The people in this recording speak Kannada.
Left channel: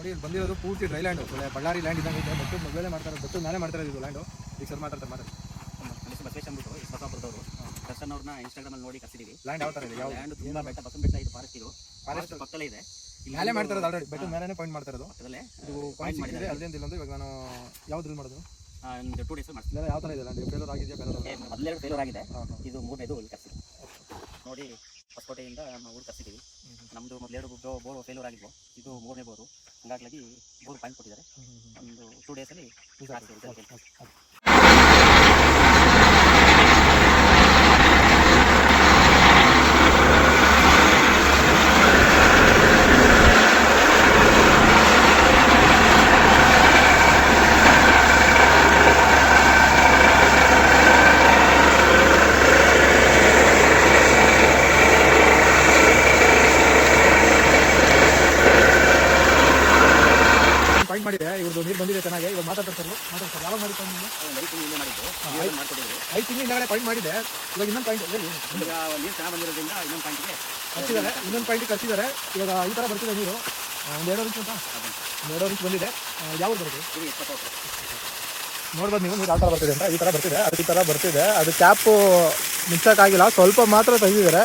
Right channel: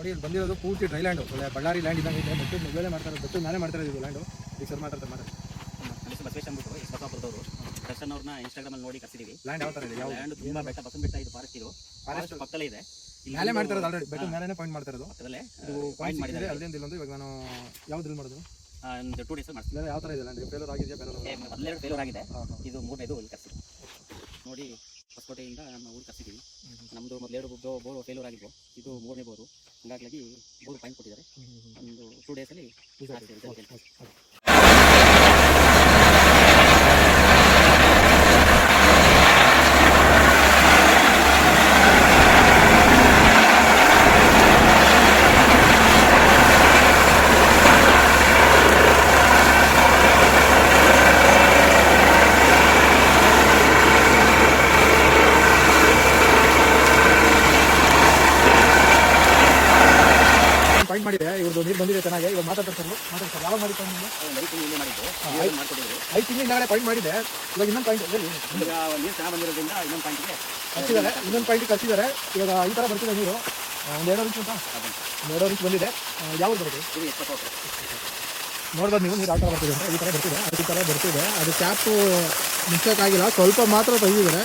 ನೋಡಿ ಇಲ್ಲಿ ಬಂದಿರೋದು ಪೂರ್ತಿ ಡ್ರೈ ಲ್ಯಾಂಡ್, ಒಳ್ಳೆ ಬಳ್ಳಾರಿ ಲ್ಯಾಂಡ್ ಇದ್ದಂಗೆ ಇದೆ. ಬೆಟ್ಟದ ಮೊದಲೇ ಮಾಡ್ತಾರೆ, ಬೆಟ್ಟದ ನಾನೇ ಮಾಡ್ತಾರೆ ಇದು ಲ್ಯಾಂಡು. ಈಗ ಸರ್ ಮಾತಾಡ್ತಾರೆ ಮಾಡಿ. ನಮ್ಮ ಹೆಸರು ಬಸವೇಶ್ ಅಂದ್ಬಿಟ್ಟು ಬಸವಾಪುರದವರು. ದರ್ಶನ್ ಅವ್ರನ್ನ ಇನ್ಸ್ಟಾಗ್ರಾಮಲ್ಲಿ ನೋಡಿ ಕರ್ಸಿದೀವಿ. ಲ್ಯಾಂಡ್ ಯಾವ ಥರ ಇದೆ? ಯಾವ ಲ್ಯಾಂಡ್ ತುಂಬ ಬೆಟ್ಟ, ಬಸವನ ಬೆಟ್ಟ ಇದು ಫಾರೆಸ್ಟ್. ಇದು ಫಾರೆಸ್ಟ್ ಪಕ್ಕದಲ್ಲೇ ಇದೆ. ಮೇಲೆ ಮಾಡ್ತಿರೋದು ಆಲ್ರೆಡಿ, ಬೆಟ್ಟದ ಮೇಲೆನೇ ಪಾಯಿಂಟ್ ಮಾಡ್ತಾ ಇರೋದು. ಪಕ್ಕದಲ್ಲೇ ಇದು ಪಾಯಿಂಟ್ ಮಾಡಿದರೆ ಅಲ್ಲಿಂದ ಇಲ್ಲೊಂದು. ಇವಾಗ ನಾನು ಯಾವ್ದು ಡ್ರಿಲ್ ಮಾಡೋದು? ಒಂದು 2 ಡೇಸ್ ಮಾಡ್ತೀನಿ. ಯಾವ ಥರ ಇದೆ ಲ್ಯಾಂಡ್? ಫೇಲರ್ ಆಗಿದೆಯಾ? ಮೊದಲೆರಡು ಫೇಲರ್ ಆಗಿದೆ, ಇದು 3ನೇದು ಇಲ್ಲಿ ಕರ್ಸಿ ನೋಡಿ. ಹೊಸಕೋಟೆಯಿಂದ ನಮ್ಮ ಊರು ಕರ್ಸಿದ್ದೀವಿ. ನಮ್ಮದು ಮೊದಲೆರಡು ಬೋರು ಫೇಲೂರ್ ಆಗಿದ್ವು, ಇದು 3ನೇ ಬೋರು. ಹಂಗಾಗಿ ಬೋರು ಪಾಯಿಂಟ್ ಕೊಟ್ಟಿದ್ದಾರೆ. ಒಂದು 2 ಡೇಸಲ್ಲಿ ಪಾಯಿಂಟ್ ಮಾಡಿದೆ. ಇವ್ರದ್ದು ನೀರು ಬಂದಿದೆ ಚೆನ್ನಾಗಿ. ಇವಾಗ ಮಾತಾಡ್ತಾರೆ. ಯಾವಾಗ ಮಾಡಿದ್ದು? 5 ತಿಂಗಳು ಮಾಡಿದ್ದು, 5 ತಿಂಗಳು ಹಿಂದೆ ಪಾಯಿಂಟ್ ಮಾಡಿದೆ. ಇವಾಗ ಇನ್ನೊಂದು ಪಾಯಿಂಟ್ ಈಗ ನೀರು ಚೆನ್ನಾಗಿ ಬಂದಿರೋದ್ರಿಂದ ಇನ್ನೊಂದು ಪಾಯಿಂಟ್ಗೆ ಕರ್ಸಿದ್ದಾರೆ. ಇನ್ನೊಂದು ಪಾಯಿಂಟಿಗೆ ಕರ್ಸಿದ್ದಾರೆ. ಇವಾಗ ಈ ಥರ ಬರ್ತಿದೆ ನೀರು. ಒಂದು 2 ಇಂಚ್ ಅಂತ, 2 ಇಂಚ್ ಬಂದಿದೆ. ಯಾವ್ದು ಬರುತ್ತೆ? ನೋಡ್ಬೋದು ನೀವು ನೀರು ಯಾವ ಥರ ಬರ್ತಿದೆ ಅಂತ. ಈ ಥರ ಬರ್ತಿದೆ, ಅದು ಈ ಥರ ಬರ್ತಿದೆ. ಅದು ಕ್ಯಾಪು ಮುಚ್ಚಕ್ಕಾಗಿಲ್ಲ, ಸ್ವಲ್ಪ ಮಾತ್ರ ತೆಗೆದಿದ್ದಾರೆ.